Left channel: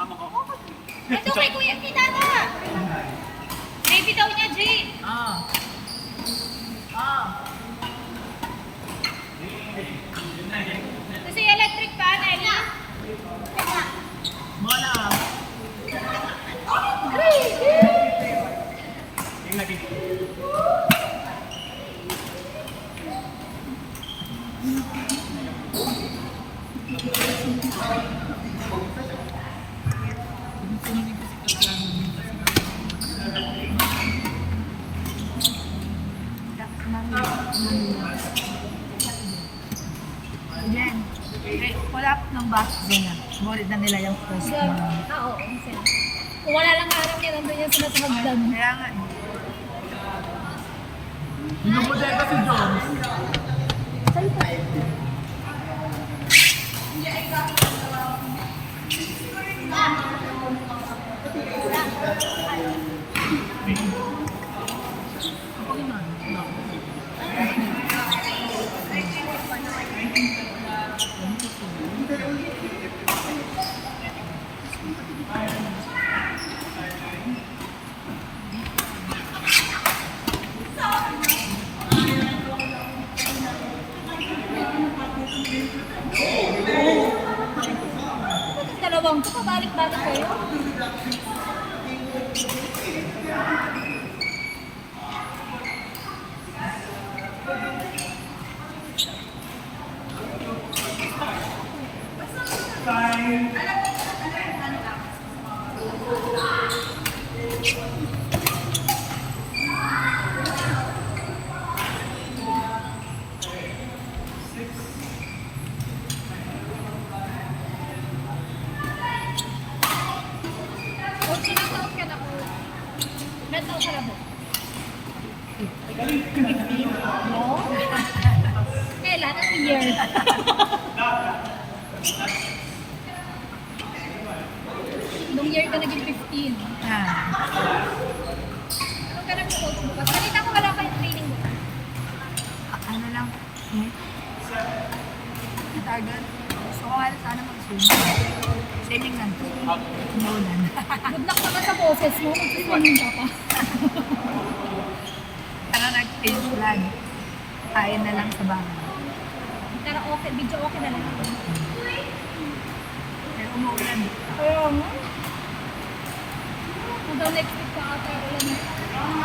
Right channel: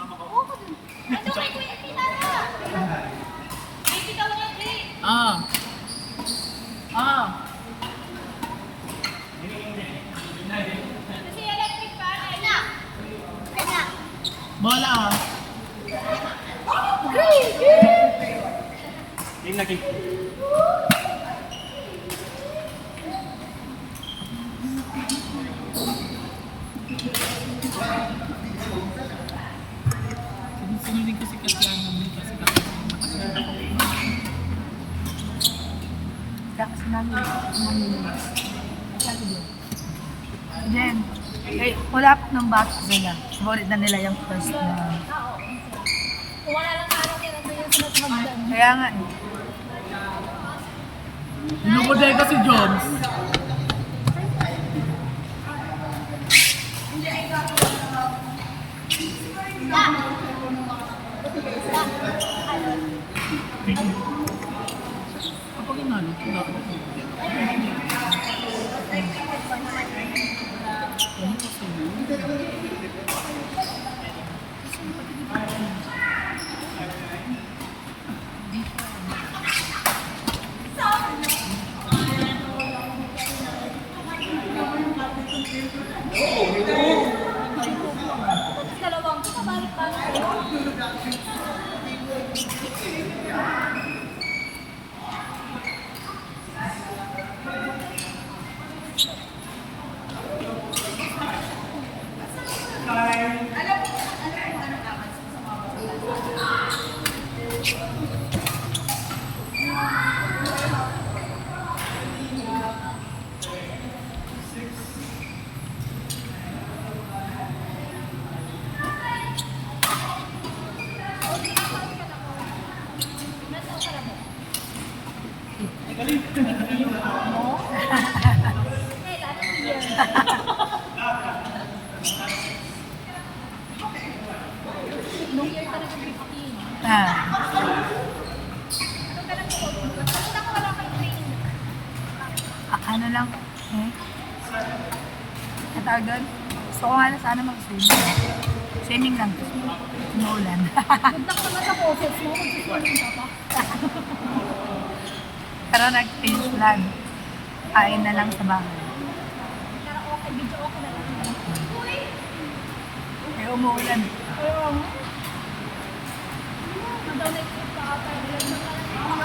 mama ko. Ito kay Kuya Kinana. Baby daw niya, Jane. Kasi electric fan eh. Bola. Game na game. Sinilig kasi kasi Then, wala pa ng back sila. Sumunod na nila yung first na. Oo, kung wala lang natin yan, nandun yung sinasunod lang. Kaya nga, Binubodega si Jones. Dalawang balik-balik. Kailan ang year? Nung year ka naging 15. Pero salita ko pala pa yung training. ano lang, ang tawag doon? Gusto ko nga na sana mag-swimming. Swimming lang. Umuulan. Nagnak ka ba sa poses mo? Mag-swimming ka pa. Pero nag-change plan. Kain na lang sa bahay. Pero okay, video okay na lang. Pero umuulan. Hanggang next week ka ata.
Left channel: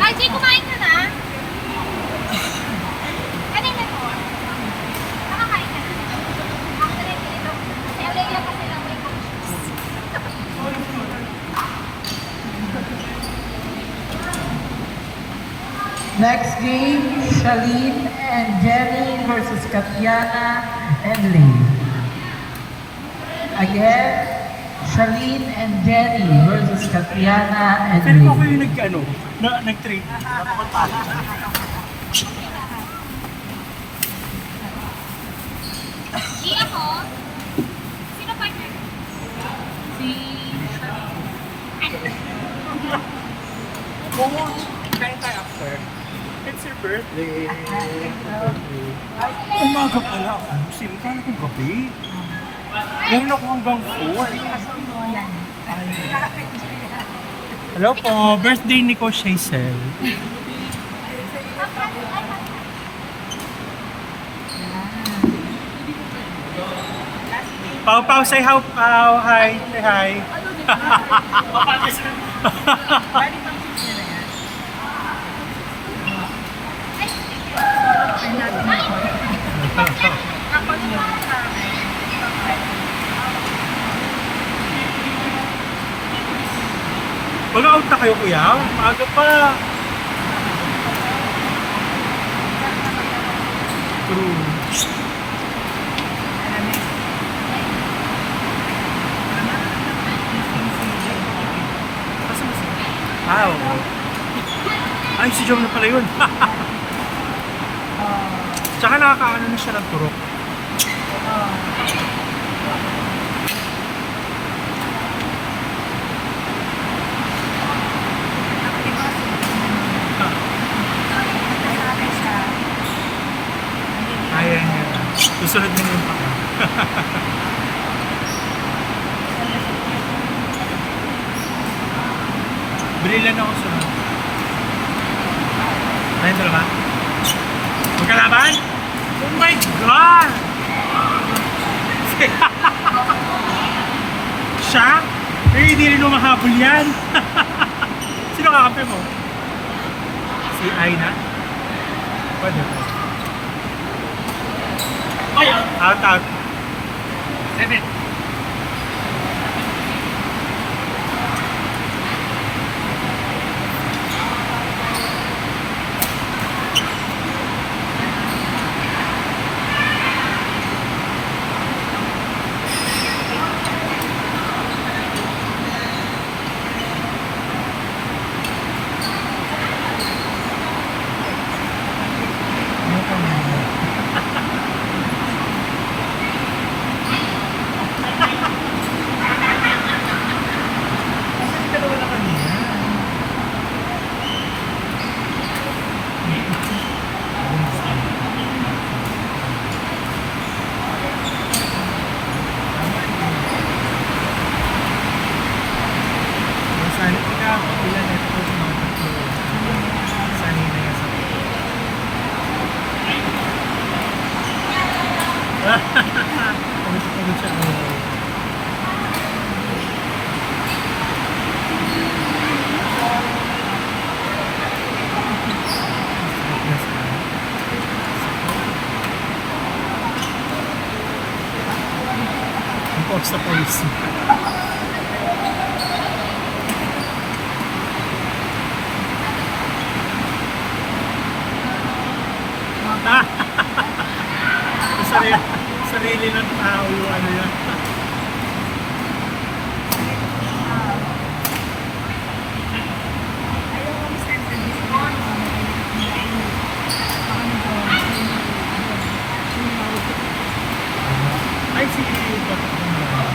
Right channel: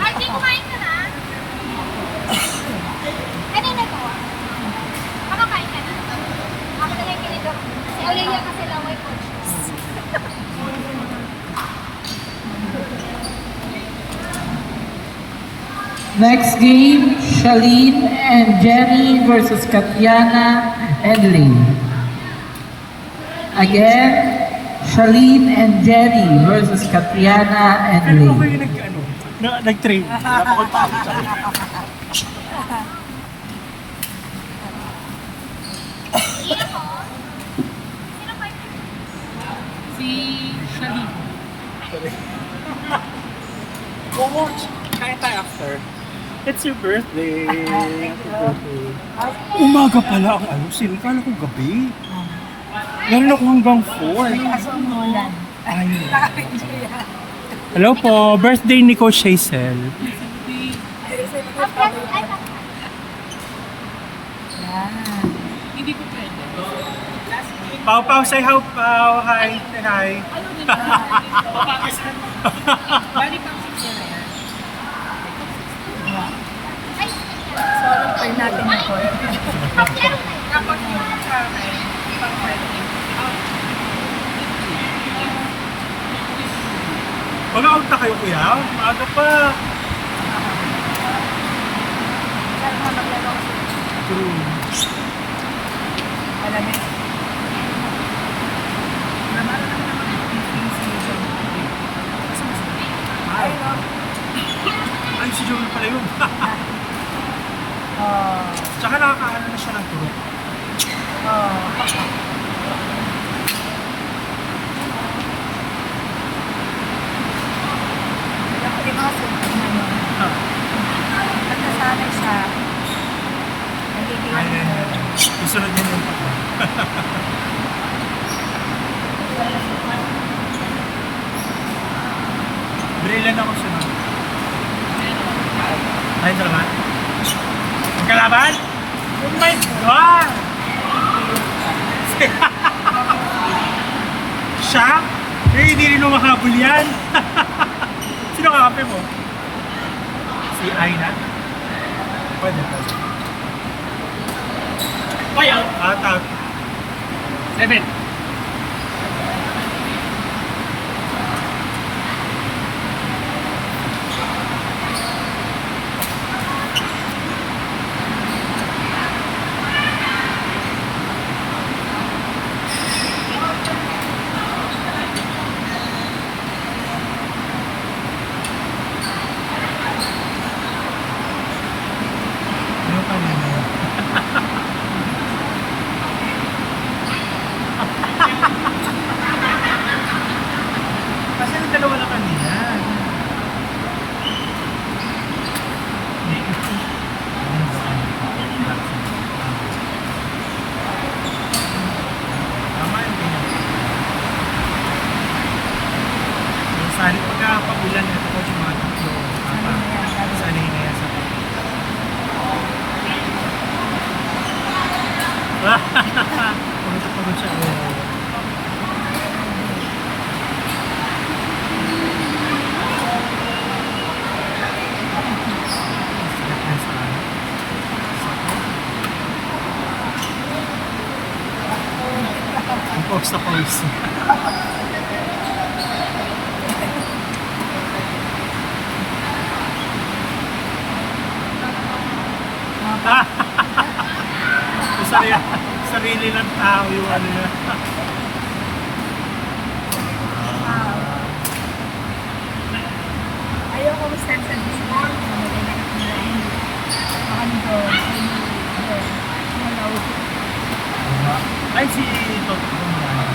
Ay, Jay, kumain ka na? Kanina to. Makakain ka na? Ako na lang ganito. Si Olivia kasi lang may coaches. Next game, Charlene and Jenny versus Katiana and Lee. Again, Charlene and Jenny versus Katiana and Pero ako Lee. yung nag-train. Napakultalo siya. Sino to? Sino partner mo? Si Charlene. Kaya tayo after. It's your birthday. Umaga pala ako. Ano, kala ko gabi. Meron ako hanggang 4. Kaso mo yan. Hello po, birthday ni Coach Hazel. Pau Pau, say hi, Pau. Hi, say hi. Ay natin ito. Mag-out na kayo, kuya. Maaga pa. True. Wow. Ay, si Jom na pala yun. Tsaka nakakaano na siya ng turok. Kaya niya na. Susunod niya na yung paa. Brilliant ako sunod. Ayun dalawa. Magkalaban? Oh my God! Siya? Eh, hindi rin umahabol yan. Sino kakampi mo? Si Aina? Pwede. Out. 7. Yung kanina. Kasi yung dalawa na kanina. Ano na ba? Tama yung ganyan. So, sanay pagka-pagulan, ito ko yung mga tatlo. Tama. Sanay na yan sa pagkakas. Pagod siya. Oh. Sakit na saan? Sako? Ang pause na pause. Sarili ng tao yung ano yan. Ayaw ko sa Discord. Ay, si Toto ko marami.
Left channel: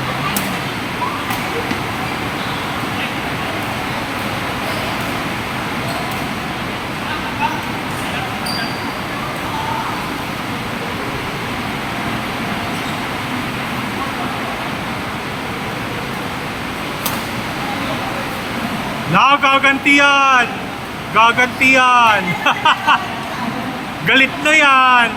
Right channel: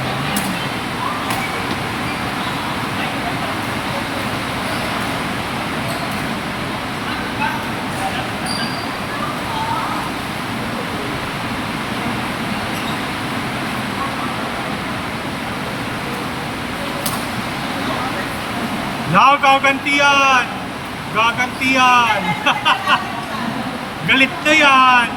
Gagantiyan! Gagantiyan! Galit na yan!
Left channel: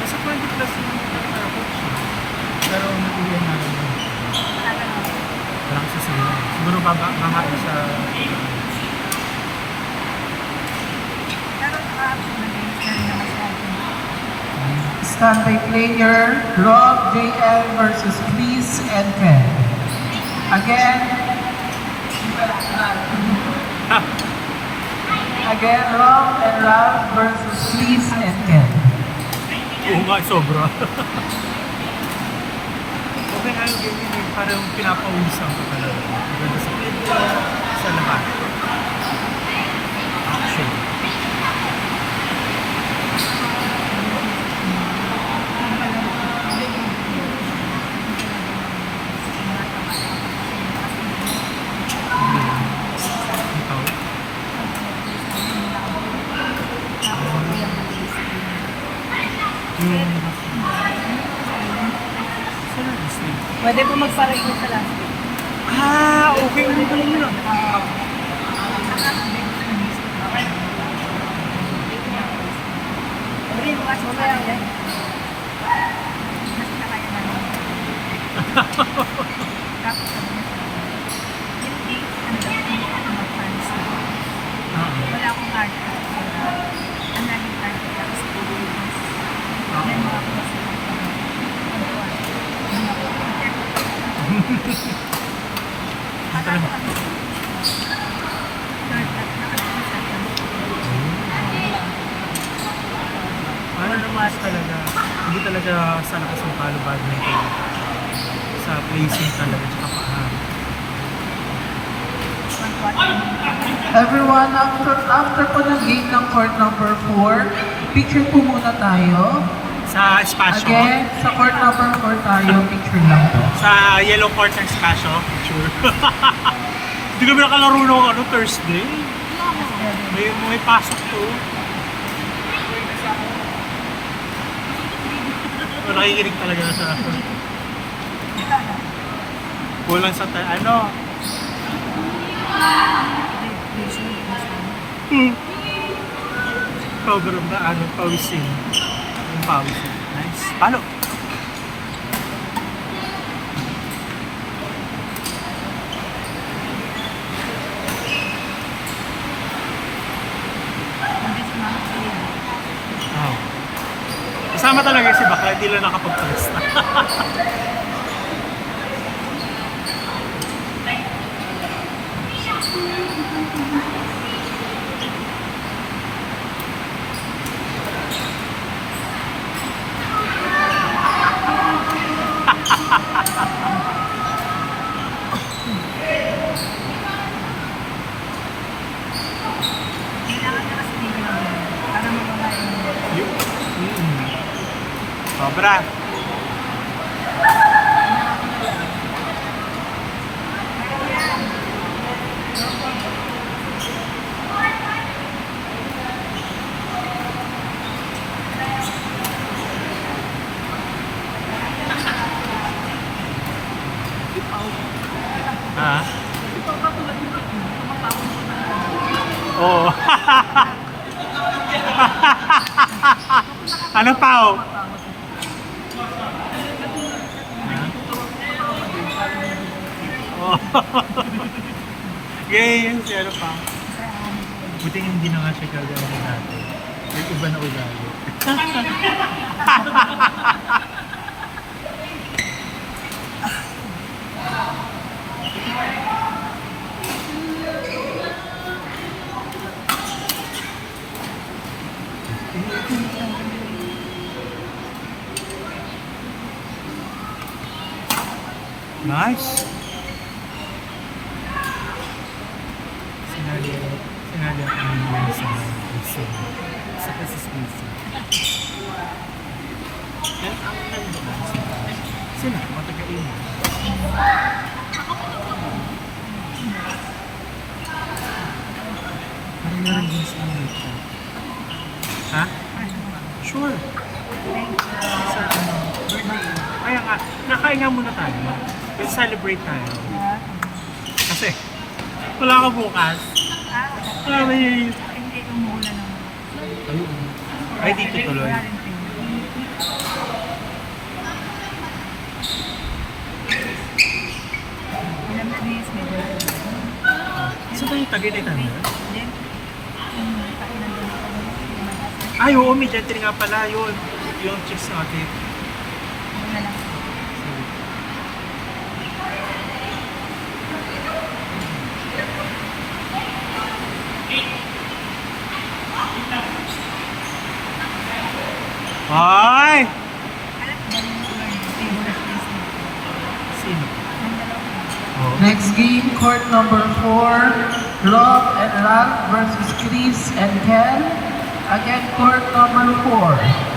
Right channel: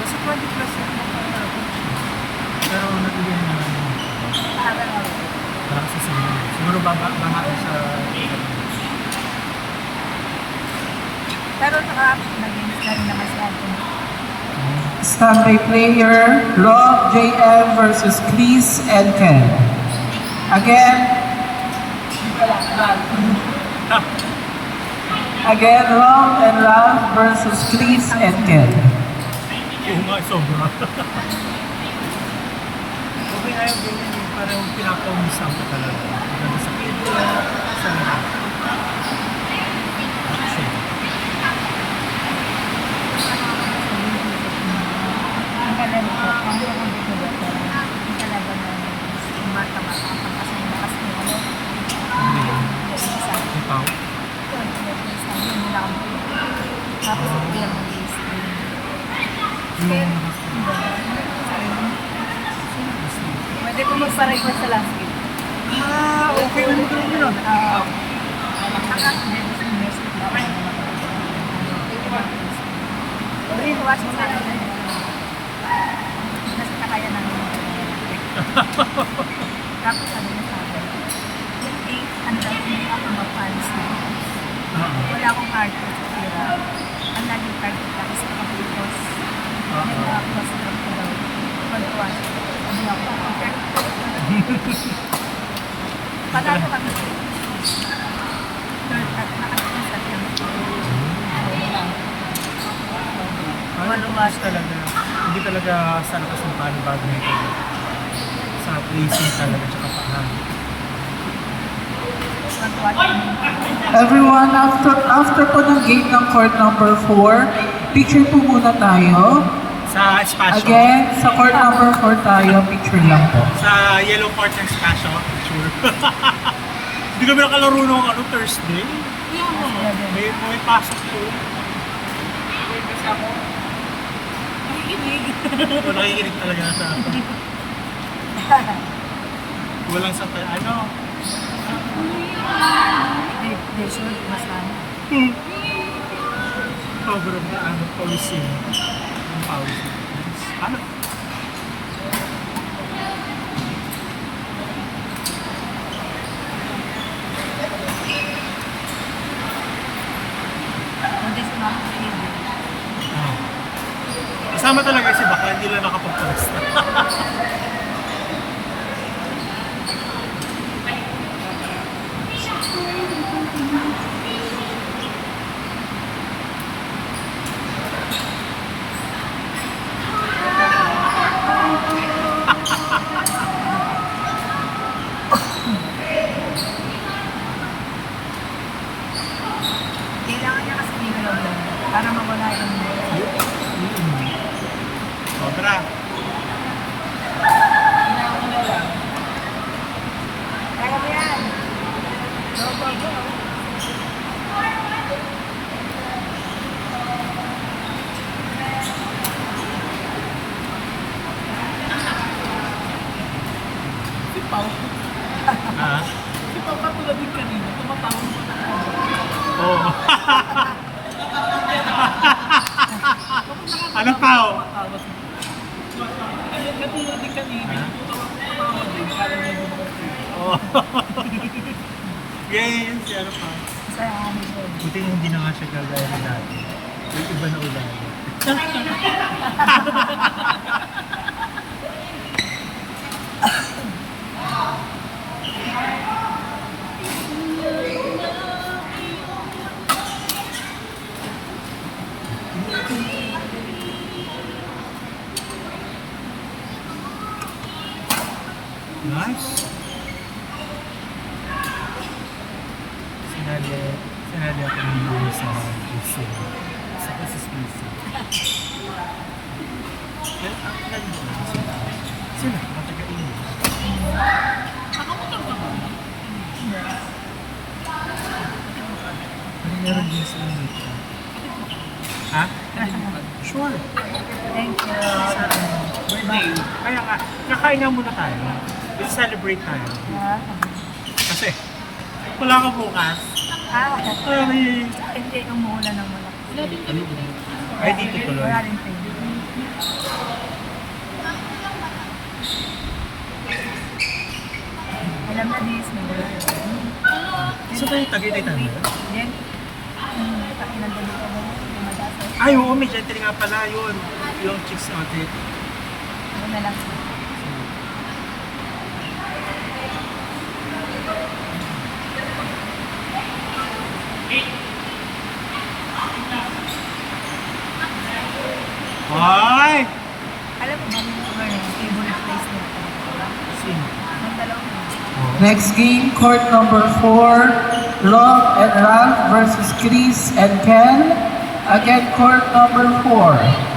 Nasa 20 plus na naman pala na coach. Pero natuloyan na namin. Parang sa sila. Siguro bahain sa... Pero nakakalimutan na rin naman sa atin. Standby player, Rob JM versus Chris and Ken. Again, Ha! Rob and Ralph versus versus Chris and Ken. Oo nga, sobra. Okay nga yung ganyan eh. Parang pinapawisan ka talaga. Maganda sa kidney, sa lahat. Action. Ikaw? Yung Pwede ko magpa-record silang speed. Okay. Ay, magaling yun ah. Rin, watch mo kaya ulit. Oo. Wala akong card. Ang naging card ko pa sa Pilipinas. Oo. Ano naman talaga, hindi talaga sa lakas ng palo badminton. Sa placing talaga, tsaka paa. Everyone, after po ng game ng court number 4, picture po muna tayo. Sa espasyo, Again, sa court number 4 tayo, picture lang po. sa yellow court ng espasyo, sure. Hindi kami nakalaro nung Thursday. May pasok to. O, nakikinig talaga sa kulang sa sobrang na pawisin. Yung pawisin. Nice. Palo. Oh. Kasama talaga si Bakla, hindi lang nakapagpalista. Kailangan niya kasi nilalaw yan para mawala yung Sobra. Ha? Oo. Ano pa oh? Ha? Oh. Yes, ano pa? Buti nga hindi na nga siya kagaya na dati. Like iba na ugali. Nice. Sinali ako ng buhay sa GC. Sa PSSBC. Ang nandoon sila, matagain. Pero meron din silang may time. Ha? Sure. Sa birthday. Kaya nga, kakain nga muna tayo. We'll celebrate tayo. Kasi, wala ka bukas. May... Hindi, umuulan ng malaki. Ayun. Ay, dito tuloy. Alam ko ni Ismael. So tayo, Tagaytay tayo ngayon? Then, taki ng balita mo, lumabas. Ay, oo, may gentry nga pala yun. Yung chicks ng atit. Ako na lang. Ay! Alam mo ba yung favorite place nila? Sino? Yung dalawa yun. Oh. Next game, court number 4, Love and Ralph versus Chris and Ken. Again, court number 4.